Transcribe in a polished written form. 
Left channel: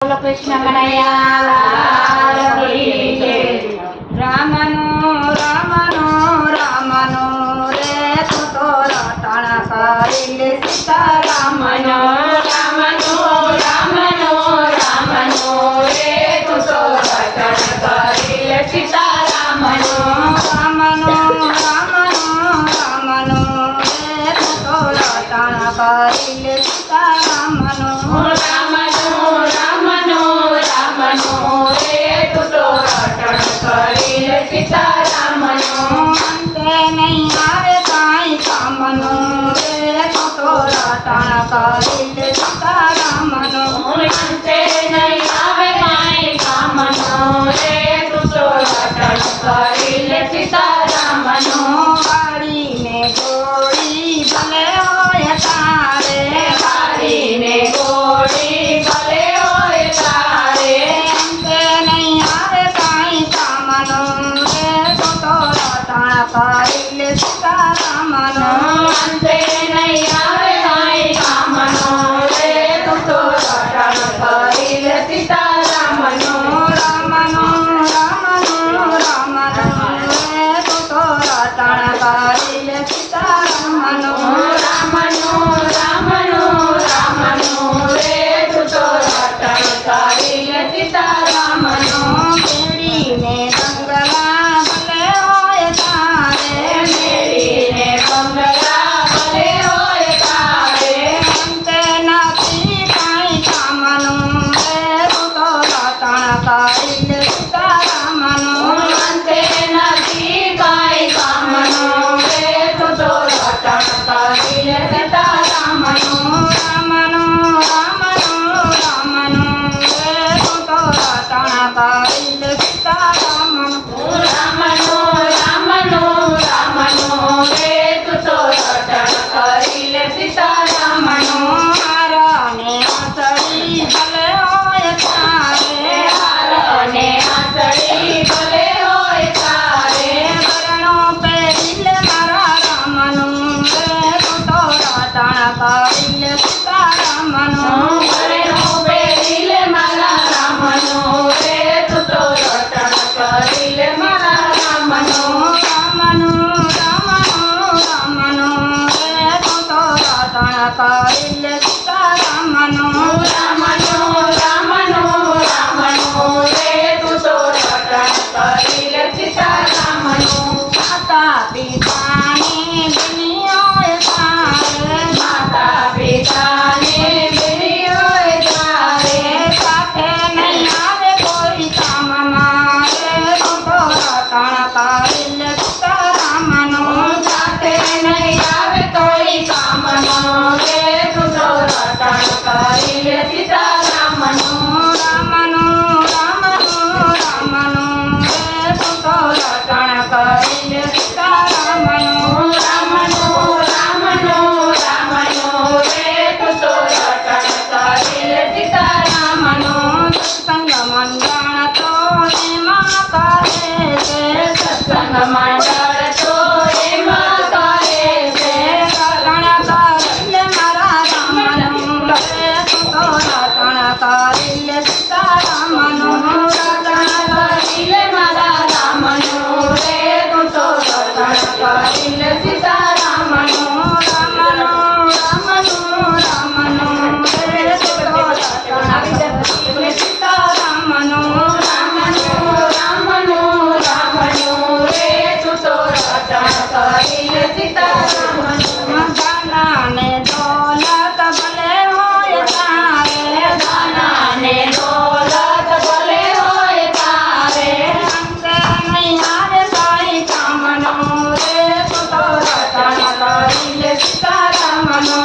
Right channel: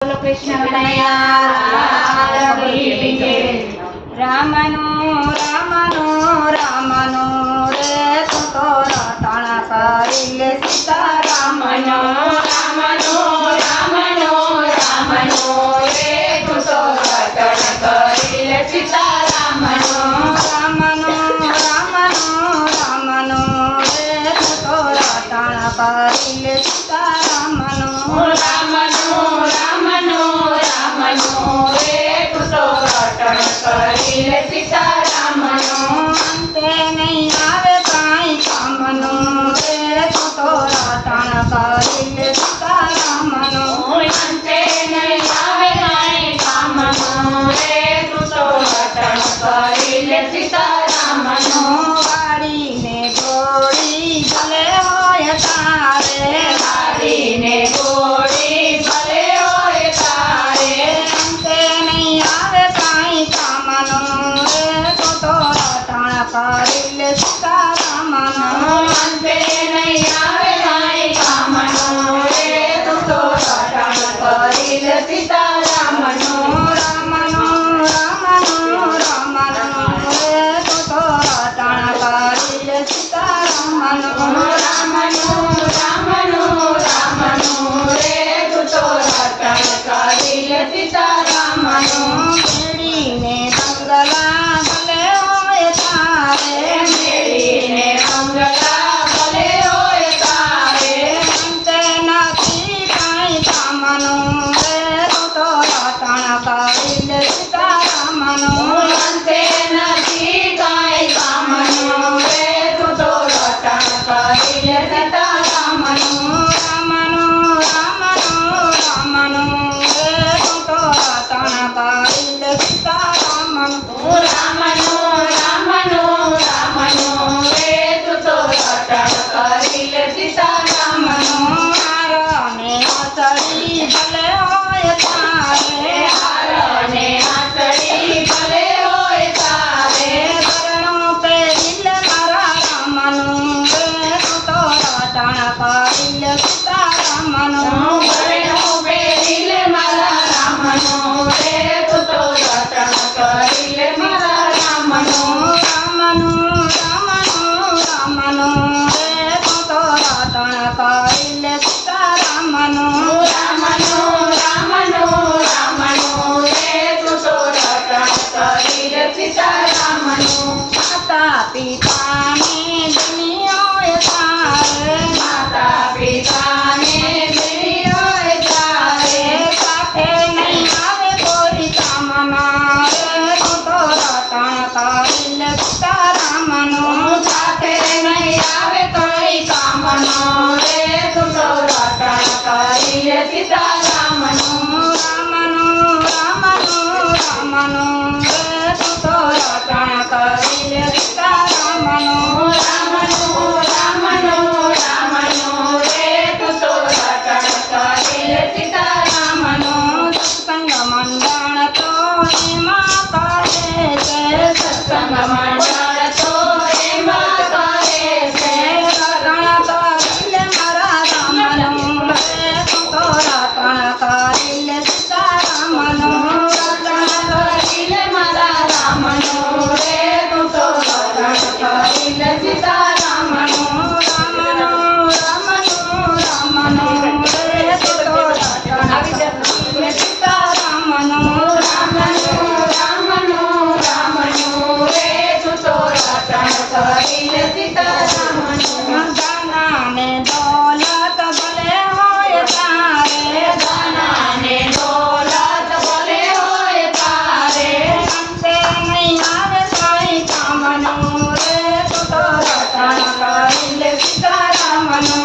બોલો કૃષ્ણ કનૈયા લાલ કી જય। રામનો રામનો રામનો રે તું તો રટણ કરી લે સીતા રામનો રામનો રામનો રામનો રે તું તો રટણ કરી લે સીતા રામનો રામનો રામનો રામનો રે તું તો રટણ કરી લે સીતા રામનો રામનો રામનો રામનો રે તું તો રટણ કરી લે સીતા રામનો અંતે નહીં આવે કાંઈ કામનો રે તું તો રટણ કરી લે સીતા રામનો અંતે નહીં આવે કાંઈ કામનો રે તું તો રટણ કરી લે સીતા રામનો વાળીને ગોળી ભલે હોય તારે વાળીને ગોળી ભલે હોય તારે અંતે નહીં આવે કાંઈ કામનો રે તું તો રટણ કરી લે સીતા રામનો અંતે નહીં આવે કાંઈ કામનો રે તું તો રટણ કરી લે સીતા રામનો રામનો રામનો રામનો રે તું તો રટણ કરી લે સીતા રામનો રામનો રામનો રામનો રે તું તો રટણ કરી લે સીતા રામનો મેળીને બંગલા ભલે હોય તારે મેળીને બંગલા ભલે હોય તારે અંતે નથી કાંઈ કામનું રે તું તો રટણ કરી લે સીતા રામનો અંતે નથી કાંઈ કામનો રે તું તો રટણ કરી લે સીતા રામનો રામનો રામનો રામનો રે તું તો રટણ કરી લે સીતા રામનો રામનો રામનો રામનો રે તું તો રટણ કરી લે સીતા રામનો હારને આંચળી ભલે હોય તારે હારને આંચળી ભલે હોય તારે ભરણો પહેરી લે મારા રામનું રે તું તો રટણ કરી લે સીતા રામનો ભરેલો પહેરી લે મારા રામનો રે તું તો રટણ કરી લે મારા રામનો રામનો રામનો રામનો રે તું તો રટણ કરી લે સીતા રામનો રામનો રામનો રામનો રે તું તો રટણ કરી લે સીતા રામનો માતા પિતાને દુનિયાએ તારે માતા પિતાને દેવીઓએ તારે સાથે નહીં આવે કોઈ કામમાં રે તું તો રટણ કરી લે સીતા રામનો સાથે નહીં આવે કોઈ કામનો રે તું તો રટણ કરી લે સીતા રામનો રામનો રામનો રામનો રે તું તો રટણ કરી લે સીતા રામનો રામનો રામનો રામનો રે તું તો રટણ કરી લે સીતા રામનો સત્સંગ મંડળ તો એમાં કહે છે સત્સંગ મંડળ તો એમાં કરે છે રટણ કરી લે મારા રામનો રે તું તો રટણ કરી લે સીતા રામનો રટણ કરી લે મારા રામનો રે તું તો રટણ કરી લે સીતા રામનો રામનો રામનો રામનો રે તું તો રટણ કરી લે સીતા રામનો રામનો રામનો રામનો રે તું તો રટણ કરી લે સીતા રામનો ધનાને દોલત ભલે હોય તારે ધનાને દોલત ભલે હોય તારે અંતે નહીં આવે કાંઈ કામનો રે તું તો રટણ કરી લે સીતા રામનો